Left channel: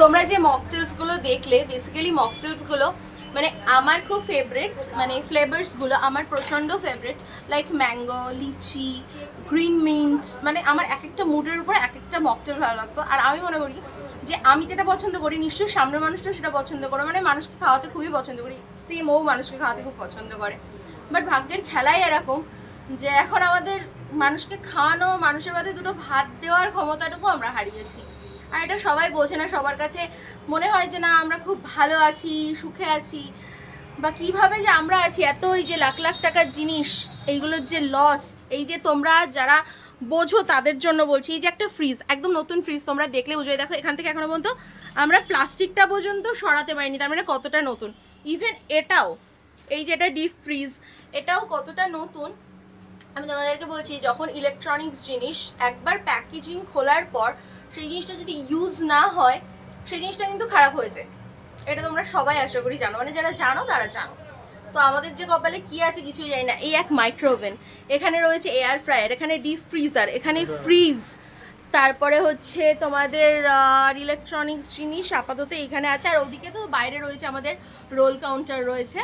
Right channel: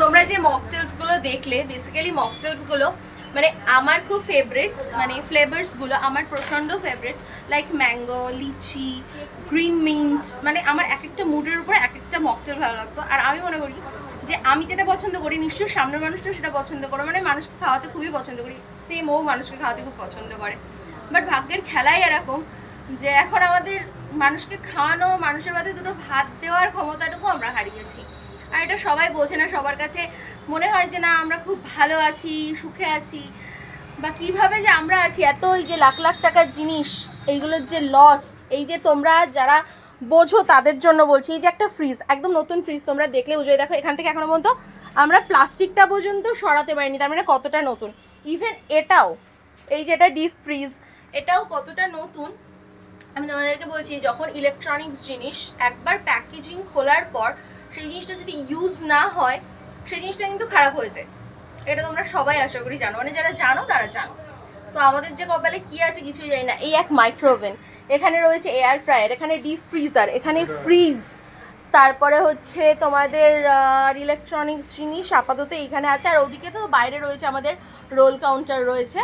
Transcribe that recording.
তোমরা যে মকটেলসগুলো দেখলে, বেসিক্যালি মকটেলসগুলো মানে আমার খুব ফেভারিট, মানে ফ্লেভার্সগুলো আমার প্রচণ্ড ফেভারিট, লাইক ম্যাঙ্গো, লিচি, গ্রিন মিন্ট, মানে আমার এক একটা মুডের উপরে এক একটা মকটেল ভালো লাগতো। আর আমি মনে করি যে আমি যেটা পছন্দ করি নিশ্চয়ই সামনের মানুষটাও সেটা পছন্দ করে, মানে মানুষকে খাওয়াতে খুবই পছন্দ করি, সেম ও মানুষকে খাওয়াতে খুব পছন্দ করে। বাট ভাগ্যের খেলাই এরকম যে এখন আমাদের মানুষকে খাওয়ানো, মানুষের মধ্যে দুটো ভাত দেওয়ার ক্ষমতাটুকু আমরা হারিয়েছি। আর এটা সবাই বোঝে না, সবার কাছে মনে হয় যে না আমরা খুব ভালো আছি, সুখে আছি, বা কিভাবে যে আমরা আছি, এত এই যে লাখ লাখ টাকার জিনিস, এইগুলোর যে লস, এই যে তোমরা যারা বোঝো তাদের জন্য বলছি, এই যে একটা ফ্রিজ, একদম নতুন ফ্রিজ তোমরা দেখলে বুঝবে, দেখো এখান থেকে এখনো পর্যন্ত আমরা প্লাস্টিকটা পর্যন্ত সরাতে পারিনি, তার মানে কতটা নতুন। ইভেন এটাও, এই যে এটা ডিপ ফ্রিজ, এটাও কতটা নতুন। আমি তোমাদেরকে বলছি, যখন ইলেকট্রনিক্স জিনিস একবার প্যাকেজিং খোলার পর সেই জিনিসটা যদি ইউজ না হয়, সেই জিনিসটা কিন্তু খারাপ হয়ে যায়। এটা তোমরা সবাই আশা করি জানো, মানে যারা জানো তারা জানো। তো আমাদের যে কপালে কি আছে কিছুই জানি না। এই এক মাইক্রোওভেন, এখানে রয়েছে এয়ার ফ্রায়ার, এখানে ডিপ ফ্রিজার, এখানে ফ্রিজ, তারপরে হচ্ছে তোমাদের ইলেকট্রনিক্স জিনিস আপাতত এইখানে আছে। আর ওদিকে তো বাইরে রয়েছে আমাদের রোল কাউন্টার রয়েছে,